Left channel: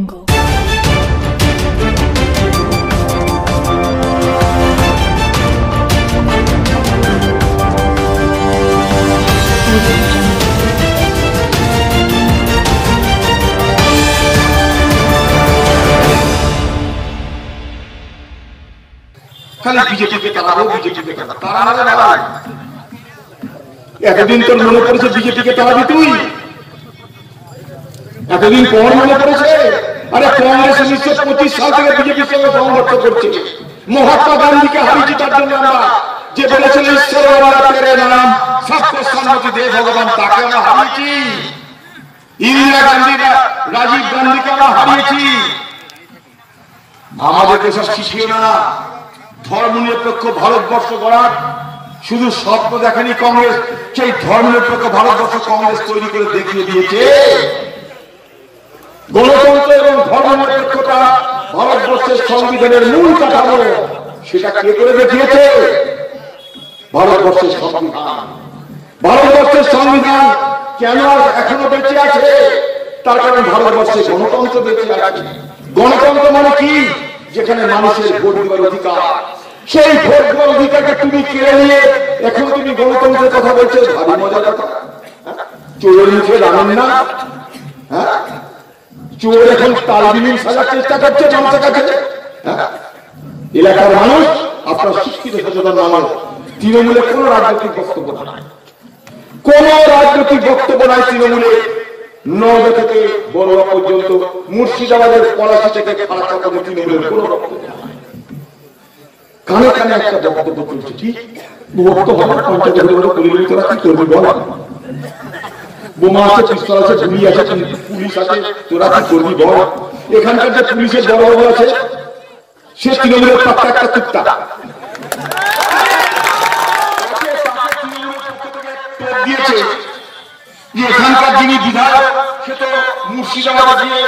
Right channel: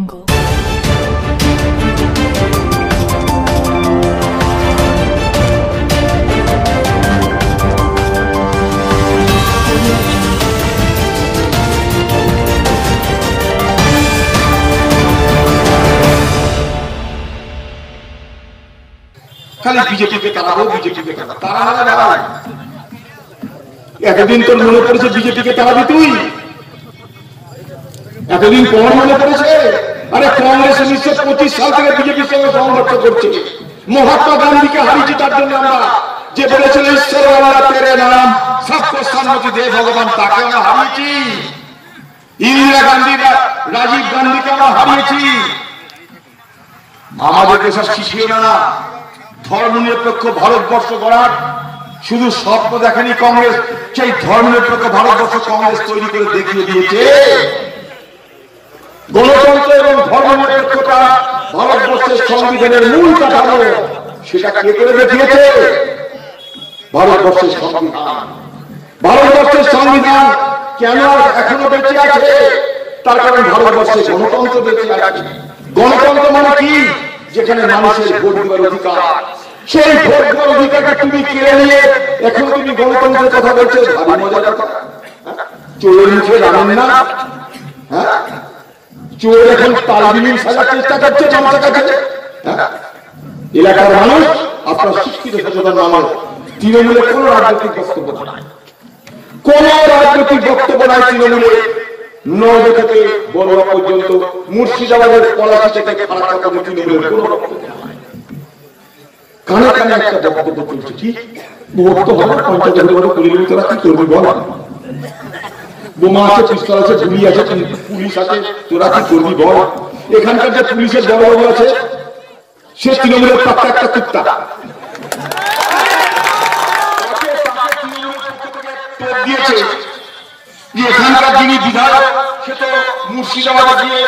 খালি বিজেপিকে তাড়াবো, বিজেপিকে তাড়াবো। এতদিন তোর মনে পড়েছে বিজেপিকে তাড়াবি তুই? এতদিন পর মনে পড়েছে? আরে কংগ্রেস 1925 সাল থেকে বিজেপির সঙ্গে সংঘর্ষ করছে। মহাত্মা গান্ধীকে হারিয়েছি তার জন্য আমরা, যে বলেছিল ঈশ্বর আল্লাহ তেরে নাম সবকো সম্মতি দে ভগবান, তাকে আমরা হারিয়েছি। ইন্দিরা গান্ধী, রাজীব গান্ধীকে আমরা হারিয়েছি। আমাদেরকে সব শিখিয়ে না ধর্মনিরপেক্ষ ভারতবর্ষ গড়ার। শুধু স্বপ্ন দেখেনি কংগ্রেস, সেই ধর্মনিরপেক্ষ ভারতবর্ষ কংগ্রেস তৈরি করে দেখিয়ে দিয়েছে। গণতন্ত্র এবং ধর্মনিরপেক্ষতা ভারতবর্ষের সংবিধানের মূল কাঠামো, সেটা কে করে দেখিয়েছে? ভারতবর্ষের সংবিধান। ভারতবর্ষের সংবিধান কেন এখনো বেঁচে আছে? তার কারণ ভারতবর্ষে গণতন্ত্র বেঁচে আছে। গণতন্ত্র মানে কি? যেখানে মানুষের ভোট দেওয়ার অধিকার। সেই ভোট দেওয়ার অধিকারকে তুমি কেড়ে নিয়ে এখন তুমি গণতন্ত্রের কথা বলছো। ভারী মজার কথা। চোরের মুখে জানেন না? হ্যাঁ, চোর এখন তালবিলীন সাজার চেষ্টা করছে মানুষের কাছে। এলাকার মানুষ, আপনার শিক্ষিত সচেতন মানুষ, তৃণমূলে কোন রাজনৈতিক বক্তব্য নাই, কোন রাজনৈতিক বক্তব্য নাই তৃণমূলে। নওদা থেকে বড়ুয়া পর্যন্ত, মুর্শিদাবাদের পলাশি থেকে ফারাক্কা পর্যন্ত তৃণমূলের কোন বক্তব্য নাই। কানে কানে একটা বক্তব্য চলছে। ঠিক বক্তব্য পঞ্চায়েত তোরা কি করবি বল? বোমা আছে, পিস্তল আছে, গুলি আছে, পুলিশ আছে, তোরা কি করবি বল? এখানকার যে পুলিশের দলবাবু আছে, সে তৃণমূলের পাক্কা একটা কুত্তা। দিয়েছে যে এখানকার যিনি বিধায়ক, সে তো মুর্শিদাবাদে গিয়ে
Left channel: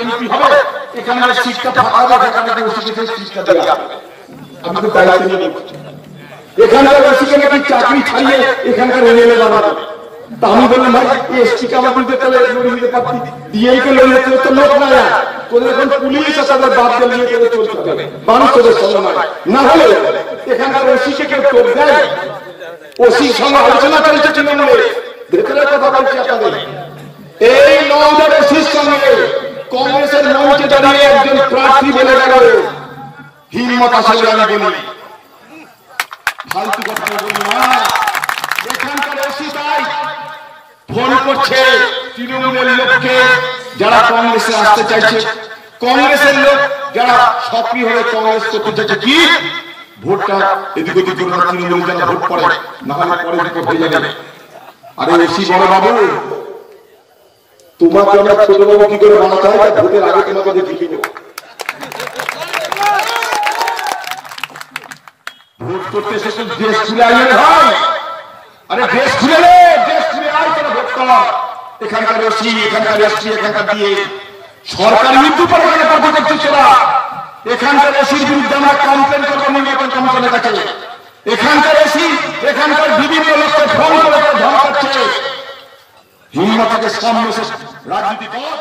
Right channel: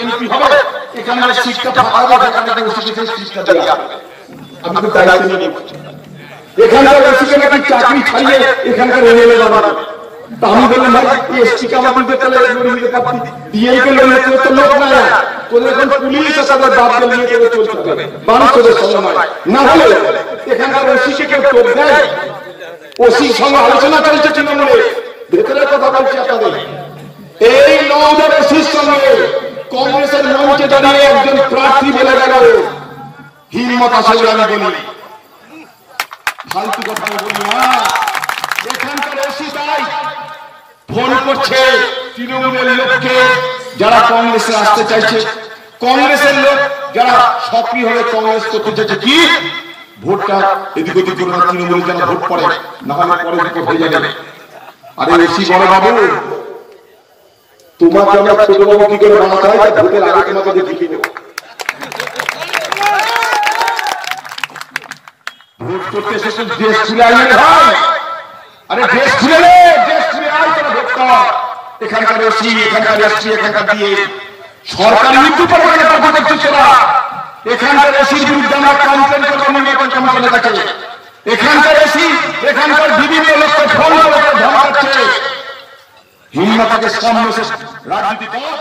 এমপি হবে, এখানকার সিটটা ফাঁকা হবে, এখানকার ওসিকে সিটটা দেওয়া হবে। আমি তো দায়িত্ব নিয়ে বলছি, এখানকার ওসিকে নাকি চাকরি ছাড়িয়ে এখানকার এমএলএ বানাবে। তা আমি বললাম ভাই, এসটিকে আমার দিতে তাহলে লড়ি দিতে পারতি, ডিএমকে লড়ি দিতে তো লোক নাই। তোদের এখন পুলিশ তাদের বাদ নিয়ে করে চলতে হবে, মানুষ তোদের সঙ্গে নয়। না হলে এখানকার ওসিকে কেউ টোপ দেয়? ওসির সঙ্গে আলোচনা চলছে তৃণমূলে, ভেতরের কথা বলছি আপনাদের। এই নওদার ওসির সঙ্গে কংগ্রেসের মঞ্চে দাঁড়িয়ে একজন প্রার্থী বলে গেল, হিম্মত আসে বলে আমি বলি, ফালতু কথা বলি না। এখানকার ওসি তাই ফোন করছে তৃণমূলের লোককে যারা কংগ্রেসে আসতে চাইছে, কংগ্রেসের লোক যারা সক্রিয় হয়ে কংগ্রেস করতে চাইছে, কি ভোটটা এদিক ওদিক করে না, তৃণমূলের যেন ভোট পড়ে, না হলে পরে দিকে হয়ে যাবে। আরে ওসি বড় বাবু, তোমাকে আমরা ছোট বাবু কি করে বানাতে হয়, ভোটের আগে তোমাকে দেখিয়ে দেবো। ভোট করতে এসে দেশ খুলে আইনে ভাই, আরে দেশ খুলে রে, দেশ খুলে আয়, তোরা ভোট কর। এখানকার ওসি, এখানকার এসপি, এখানকার দিয়ে সরকার মৃত্যু পরে করতে করছিস তোরা। এখানকার ওসির বিরুদ্ধে আমরা কমপ্লেন করবো নির্বাচন কমিশনের কাছে। এখানকার ওসি এখানকার বিভিন্ন লোককে ফোন করে ধমকাচ্ছে। হিম্মত থাকে সামনে রাজনীতি কর।